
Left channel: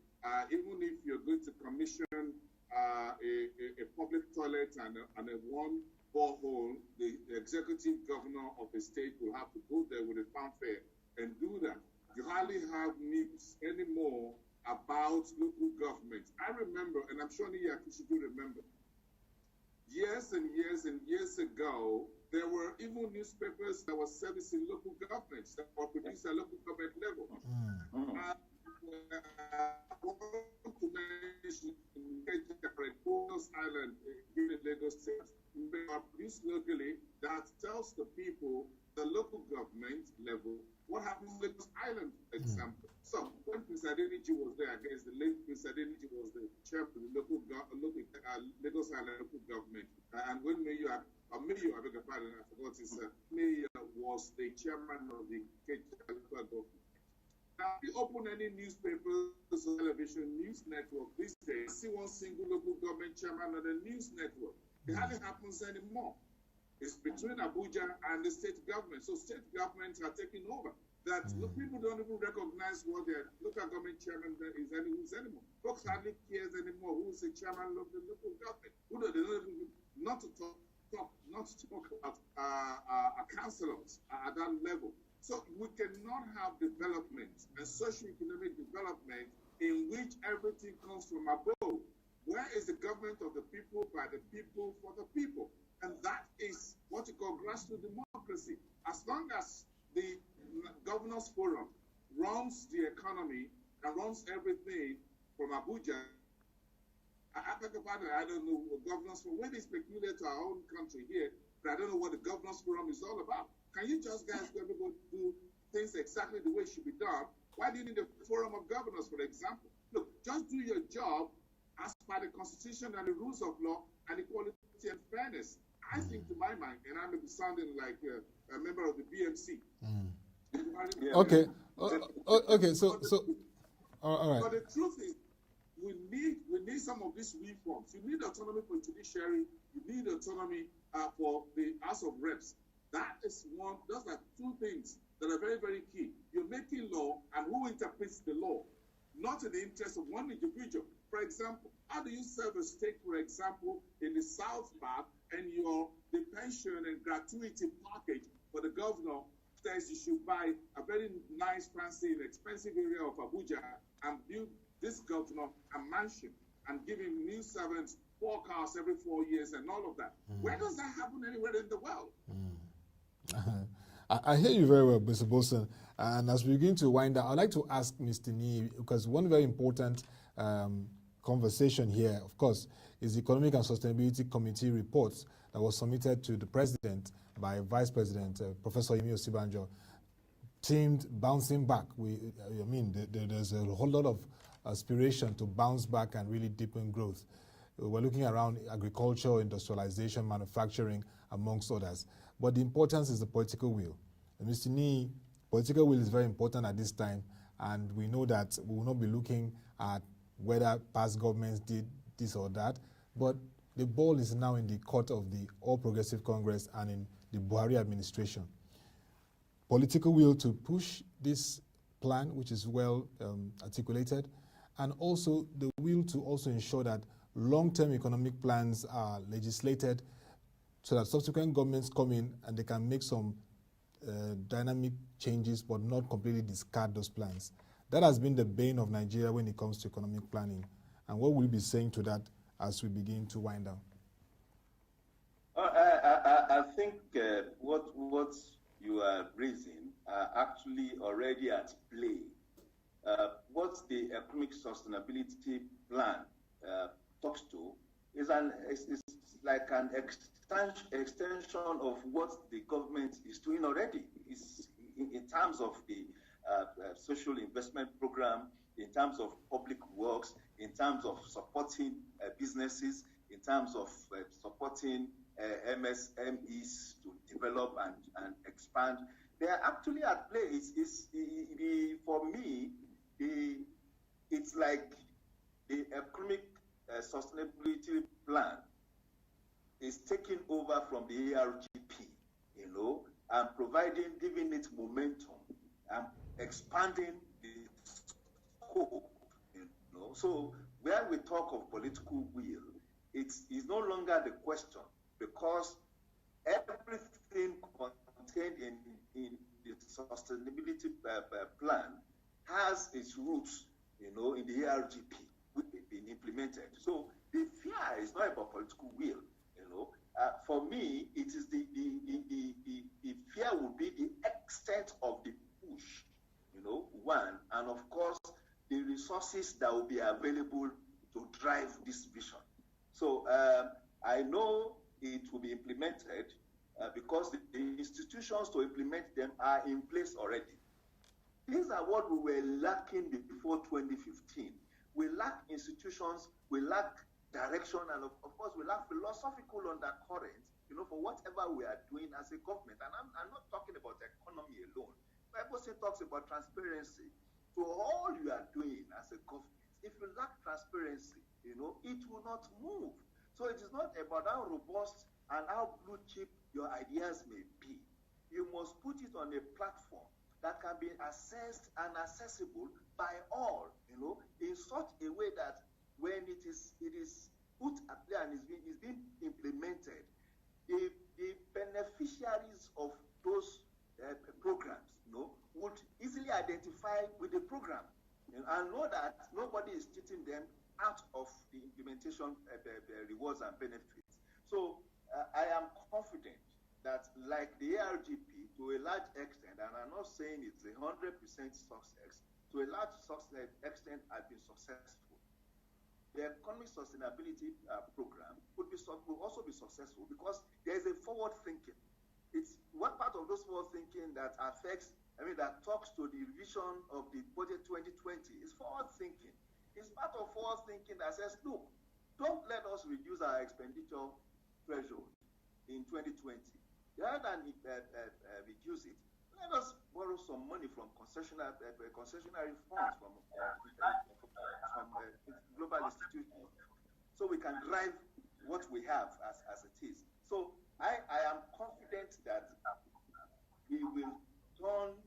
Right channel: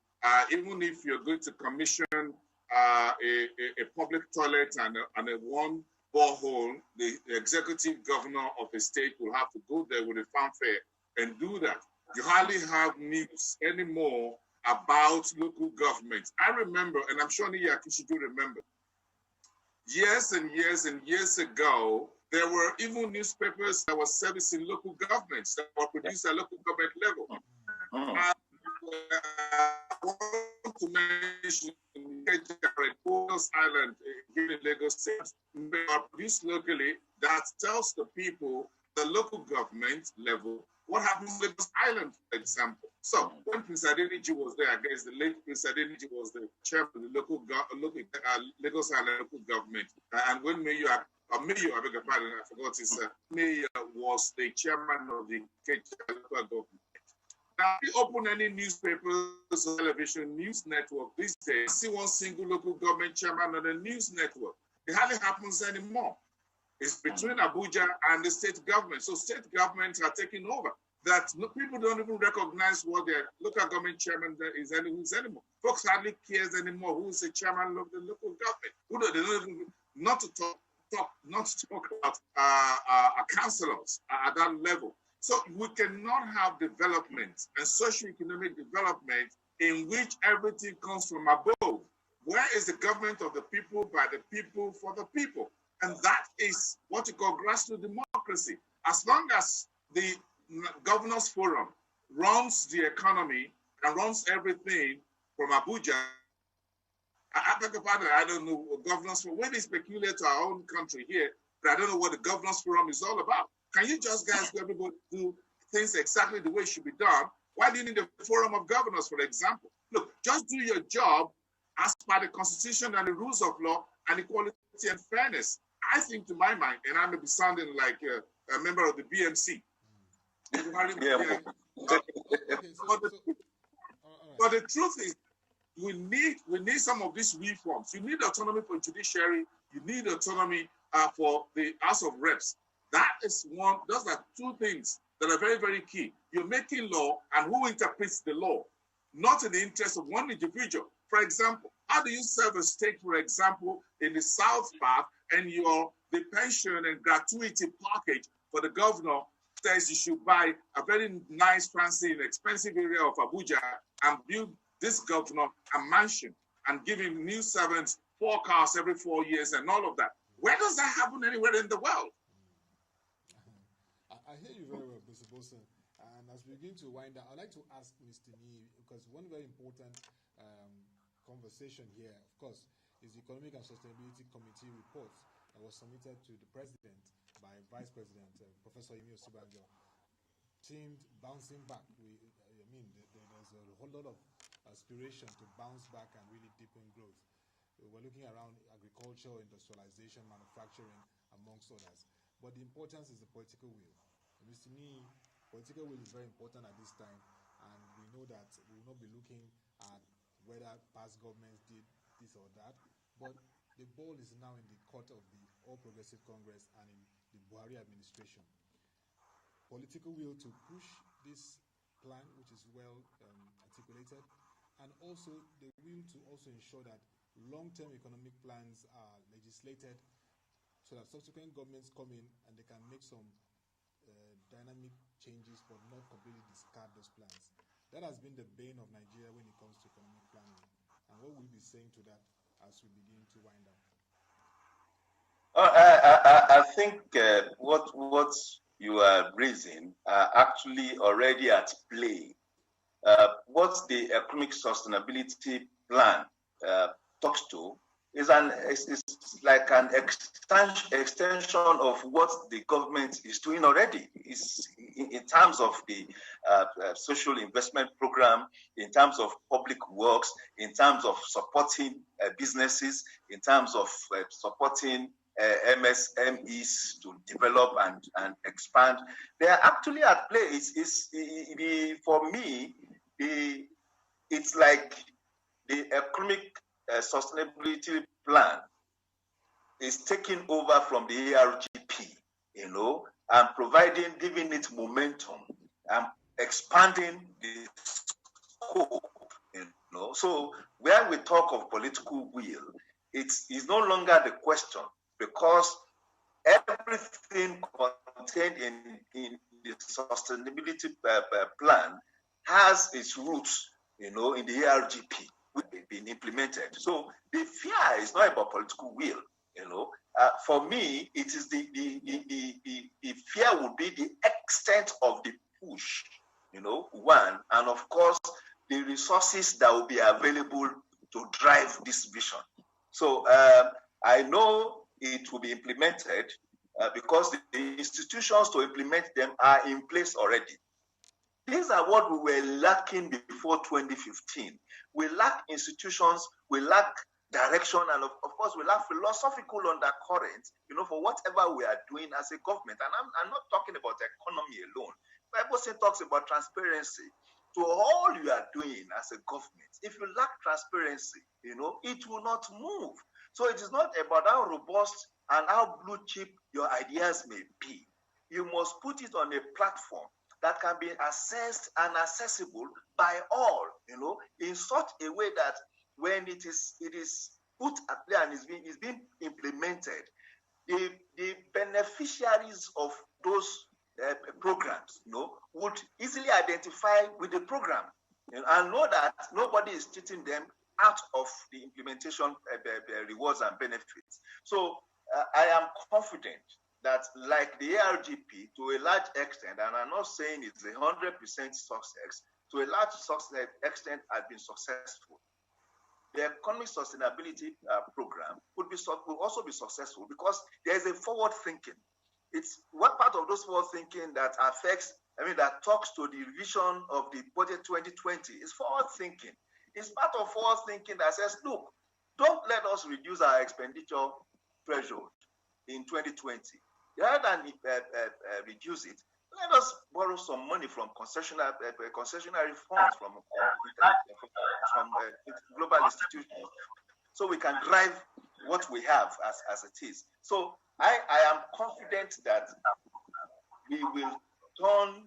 even if you're going to commission a public toilet and a one borehole, the executive governor of a state will have to go there with a fanfare and do that. You hardly have news anymore about local government. I remember, and I'm sure Niyi Akinsiju remember, years and years and years ago, there were even newspapers that were servicing local governments, that were produced at local government level. I want to mention Boason Island here in Lagos State, they are produced locally, that tells the people, the local government level, what happens in Lagos Island, for example. So when Prince Adeniji was there, I guess the late Prince Adeniji was the chairman of the Lagos Island local government. And when Mayor, I beg your pardon, I forgot his Mayor was the chairman of the local government. Now, if you open any newspapers or television news network these days, see one single local government chairman on the news network. It hardly happens anymore. It's between Abuja and the state government. So state governments are taking over. That people don't even recognize what their local government chairman is anymore. Folks hardly cares anymore who's the chairman of the local government. They don't even, not to talk about councillors at that level. So we cannot have development and socio-economic development in which everything comes from above. Where is the government of the people, by the people, for the people? And that is what you call grassroots democracy. As long as the Governors Forum runs the economy and runs everything from Abuja, I don't know what Governors Forum, when it's peculiar to our own country here, but I don't know what the Governors Forum is all about. Can you just guys go everybody do things exactly the way it should be done? Why do you need a forum of governors, for example? Look, just do your job as per the Constitution and the rules of law and equality and fairness. I think, to my mind, and I may be sounding like a member of the BMC. Yeah. Okay. Okay. So, all right. But the truth is, we need some of these reforms. You need autonomy for judiciary. You need autonomy for the House of Reps. That is one. Those are two things that are very, very key. You're making law, and who interprets the law, not in the interest of one individual. For example, how do you serve a state, for example, in the South part, and the pension and gratuity package for the governor says you should buy a very nice, fancy, and expensive area of Abuja and build this governor a mansion and give him new servants 4 cars every 4 years and all of that. Where does that happen anywhere in the world? I hear you very well, Mr. Boason. And as we begin to wind down, I'd like to ask Mr. Niyi, because one very important conversation here, of course, is the Economic and Sustainability Committee report that was submitted to the President by Vice President Professor Yemi Osibanjo, themed bouncing back. There's a whole lot of aspiration to bounce back and really deepen growth. We're looking around agriculture, industrialization, manufacturing, amongst others. But the importance is the political will. And Mr. Niyi, political will is very important at this time, and we know that we will not be looking at whether past governments did this or that, but the ball is now in the court of the All Progressive Congress and in the Buhari administration. Political will to push this plan, which is well articulated, and also the will to also ensure that long-term economic plans are legislated so that subsequent governments come in and they can make some dynamic changes but not completely discard those plans. That has been the bane of Nigeria when it comes to economic planning. And what will you be saying to that as we begin to wind down? I think what you are raising are actually already at play. What the economic sustainability plan talks to is like an extension of what the government is doing already. Is in terms of the social investment program, in terms of public works, in terms of supporting businesses, in terms of supporting MSMEs to develop and expand. They are actually at play. For me, it's like the economic sustainability plan is taking over from the ARGP, and giving it momentum and expanding the scope, So when we talk of political will, it is no longer the question, because everything contained in the sustainability plan has its roots, in the ARGP, which has been implemented. So the fear is not about political will, For me, it is the fear would be the extent of the push, one, and of course, the resources that will be available to drive this vision. So I know it will be implemented because the institutions to implement them are in place already. These are what we were lacking before 2015. We lack institutions, we lack direction, and of course, we lack philosophical undercurrent, for whatever we are doing as a government. And I'm not talking about the economy alone. Bible talks about transparency. To all you are doing as a government, if you lack transparency, it will not move. So it is not about how robust and how blue chip your ideas may be. You must put it on a platform that can be assessed and accessible by all, in such a way that when it is put at play and is being implemented, the beneficiaries of those programs, would easily identify with the program, and know that nobody is cheating them out of the implementation rewards and benefits. So I am confident that, like the ARGP, to a large extent, and I'm not saying it's 100% success, to a large extent has been successful. The economic sustainability program will also be successful because there is a forward thinking. it's what part of those forward thinking that affects, that talks to the vision of the budget 2020 is forward thinking. It's part of forward thinking that says, look, don't let us reduce our expenditure threshold in 2020. Rather than reduce it, let us borrow some money from concessionary funds from global institutions, so we can drive what we have as it is. So I am confident that we will turn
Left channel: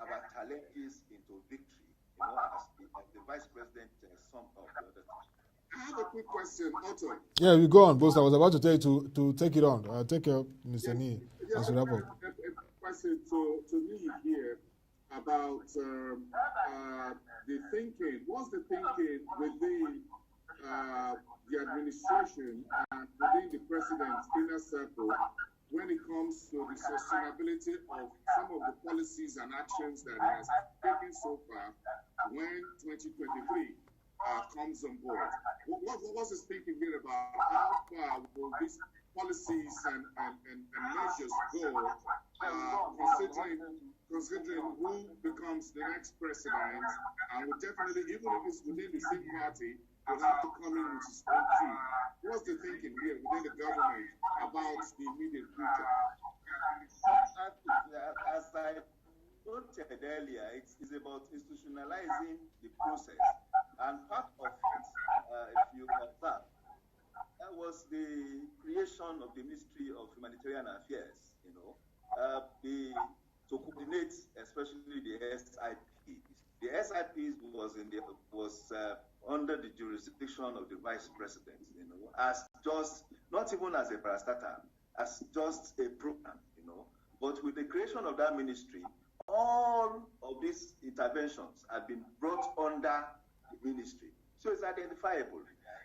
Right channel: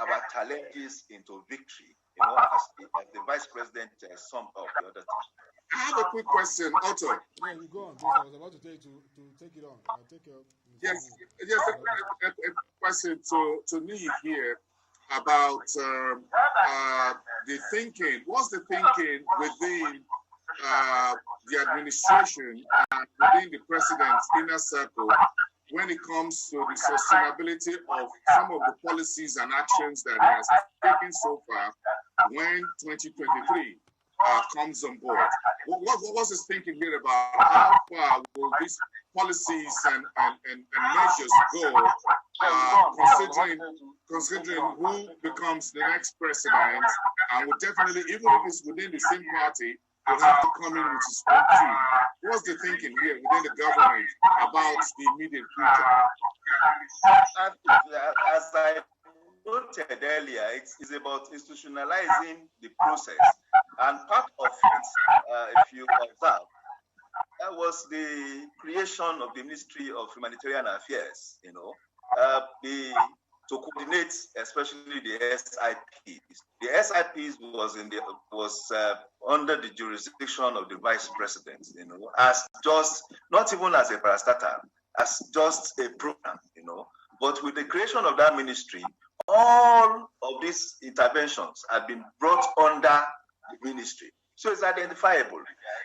our challenges into victory, as the Vice President summed up the other time. I have a quick question, Otto. Yeah, we go on, Boason. I was about to tell you to take it on. Take care, Mr. Niyi. Yes, a question to Niyi here about the thinking. What's the thinking within the administration and within the president's inner circle when it comes to the sustainability of some of the policies and actions that he has taken so far when 2023 comes on board? What's his thinking here about how far will these policies and measures go, considering who becomes the next president, and will definitely, even if it's within the same party, will have to come in with his own team. What's the thinking here within the government about the immediate future? As I noted earlier, it's about institutionalizing the process. And part of it, if you observe, that was the creation of the Ministry of Humanitarian Affairs, to coordinate especially the SIPs. The SIPs was under the jurisdiction of the Vice President, as just, not even as a parastatal, as just a program, But with the creation of that ministry, all of these interventions have been brought under the ministry. So it's identifiable.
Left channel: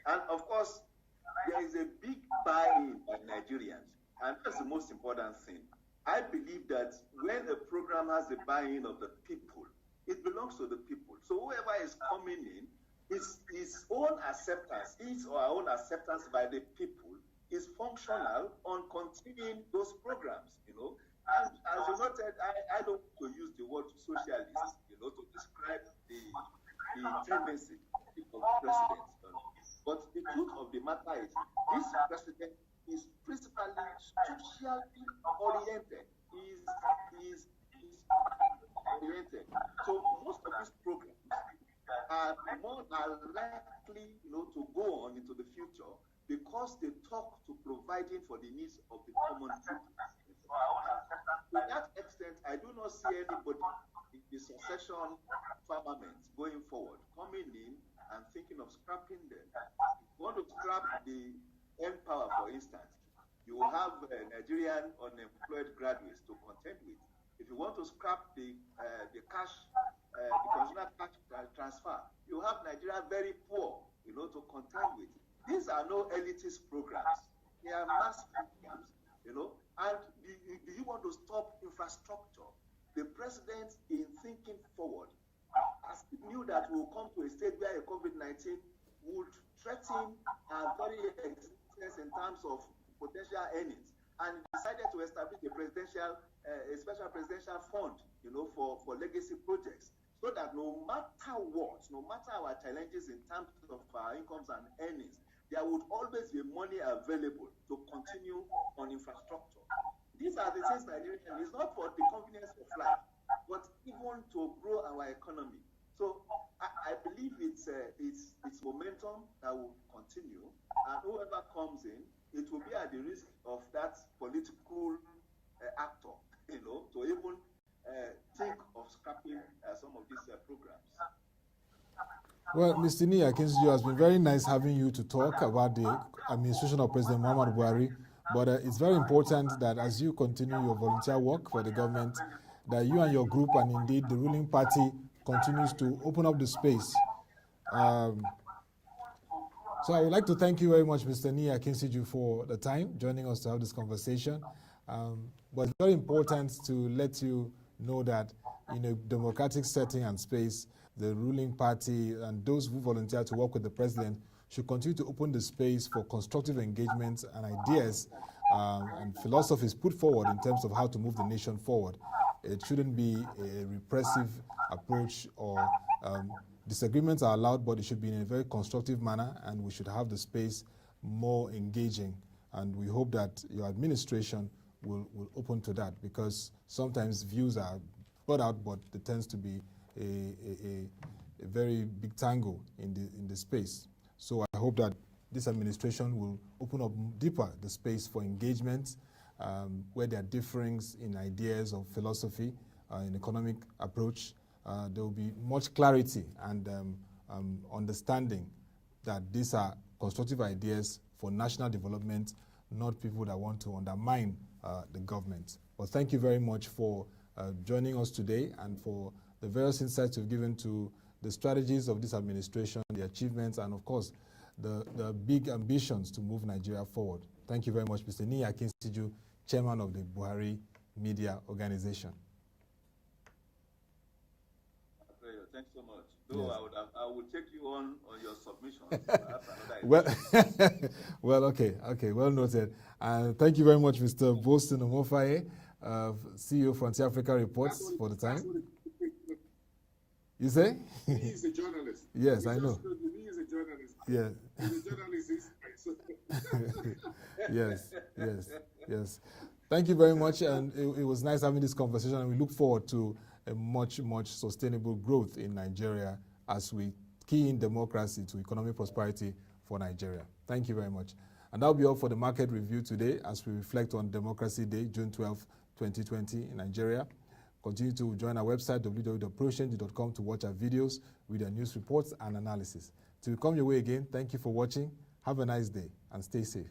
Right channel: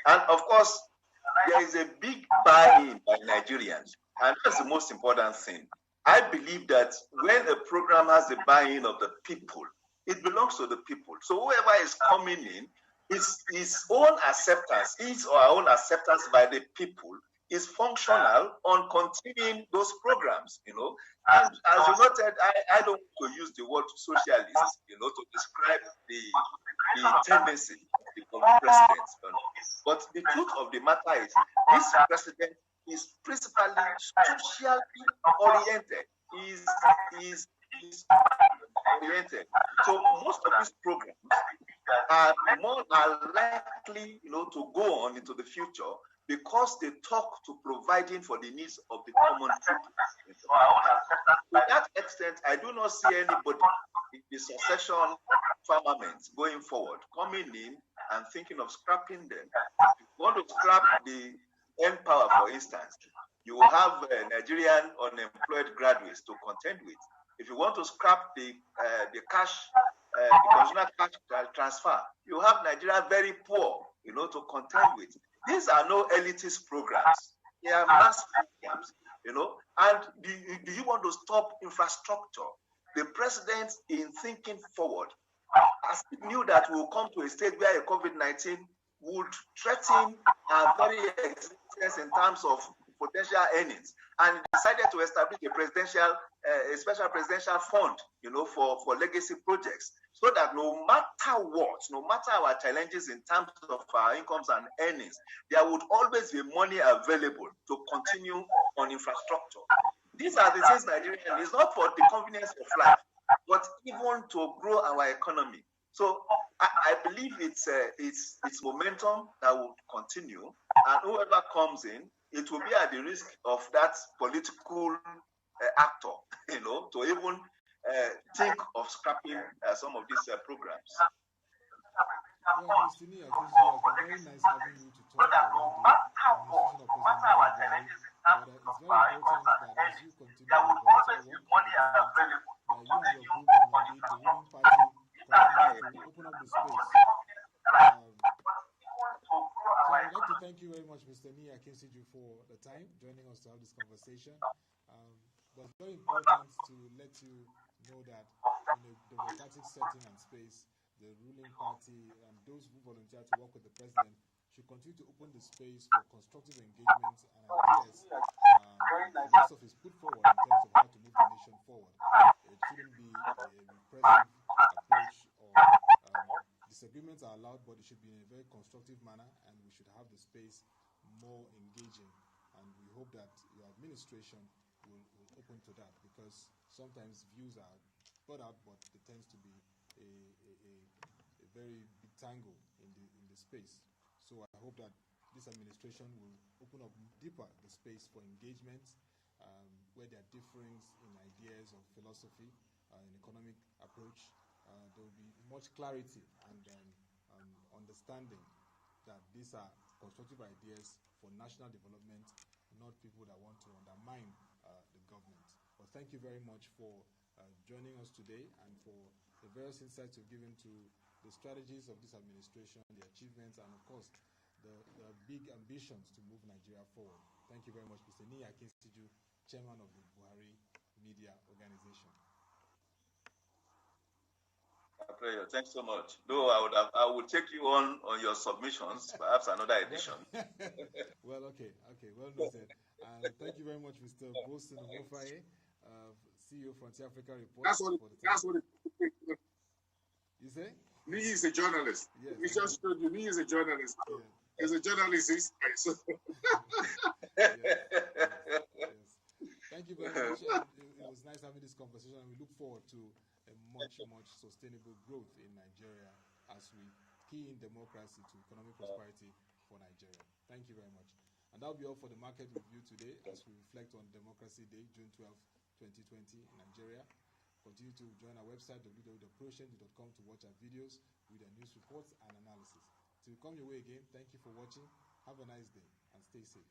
And of course, there is a big buy-in by Nigerians. And that's the most important thing. I believe that when a program has the buy-in of the people, it belongs to the people. So whoever is coming in, his own acceptance, his or our own acceptance by the people is functional on continuing those programs, And as you noted, I don't want to use the word socialist, to describe the tendency of the president. But the truth of the matter is, this president is principally socially oriented. Is oriented. So most of these programs are likely, to go on into the future because they talk to providing for the needs of the common people. To that extent, I do not see anybody in the succession firmament going forward, coming in and thinking of scrapping them. If you want to scrap the Empower, for instance, you will have Nigerian unemployed graduates to contend with. If you want to scrap the cash, the consumer cash transfer, you have Nigeria very poor, to contend with. These are no elitist programs. They are mass programs, And do you want to stop infrastructure? The president, in thinking forward, as he knew that we will come to a stage where a COVID-19 would threaten our very existence in terms of potential earnings, and decided to establish a special presidential fund, for legacy projects, so that no matter what, no matter our challenges in terms of our incomes and earnings, there would always be money available to continue on infrastructure. These are the things Nigeria is not for the convenience of life, but even to grow our economy. So I believe it's momentum that will continue, and whoever comes in, it will be at the risk of that political actor, to even think of scrapping some of these programs. Well, Mr. Niyi Akinsiju, it has been very nice having you to talk about the administration of President Muhammadu Buhari. But it's very important that as you continue your volunteer work for the government, that you and your group, and indeed the ruling party, continues to open up the space. So I would like to thank you very much, Mr. Niyi Akinsiju, for the time joining us to have this conversation. But it's very important to let you know that in a democratic setting and space, the ruling party and those who volunteer to work with the president should continue to open the space for constructive engagements and ideas and philosophies put forward in terms of how to move the nation forward. It shouldn't be a repressive approach, or disagreements are allowed, but it should be in a very constructive manner, and we should have the space more engaging. And we hope that your administration will open to that, because sometimes views are brought out, but there tends to be a very big tangle in the space. So I hope that this administration will open up deeper the space for engagement, where there are difference in ideas of philosophy, in economic approach. There will be much clarity and understanding that these are constructive ideas for national development, not people that want to undermine the government. But thank you very much for joining us today, and for the various insights you've given to the strategies of this administration, the achievements, and of course, the big ambitions to move Nigeria forward. Thank you very much, Mr. Niyi Akinsiju, Chairman of the Buhari Media Organization. Thanks so much. Though I would take you on your submissions, perhaps another edition. Well, okay, well noted. And thank you very much, Mr. Boason Omofaye, CEO Frontier Africa Reports for the time. You say? Niyi is a journalist. Yes, I know. Niyi is a journalist. Yeah. He's a journalist. Yes. Thank you very much, and it was nice having this conversation, and we look forward to a much sustainable growth in Nigeria as we key in democracy to economic prosperity for Nigeria. Thank you very much. And that'll be all for the market review today as we reflect on Democracy Day, June 12, 2020 in Nigeria. Continue to join our website, www.proceed.com, to watch our videos, read our news reports and analysis. Till we come your way again, thank you for watching. Have a nice day and stay safe.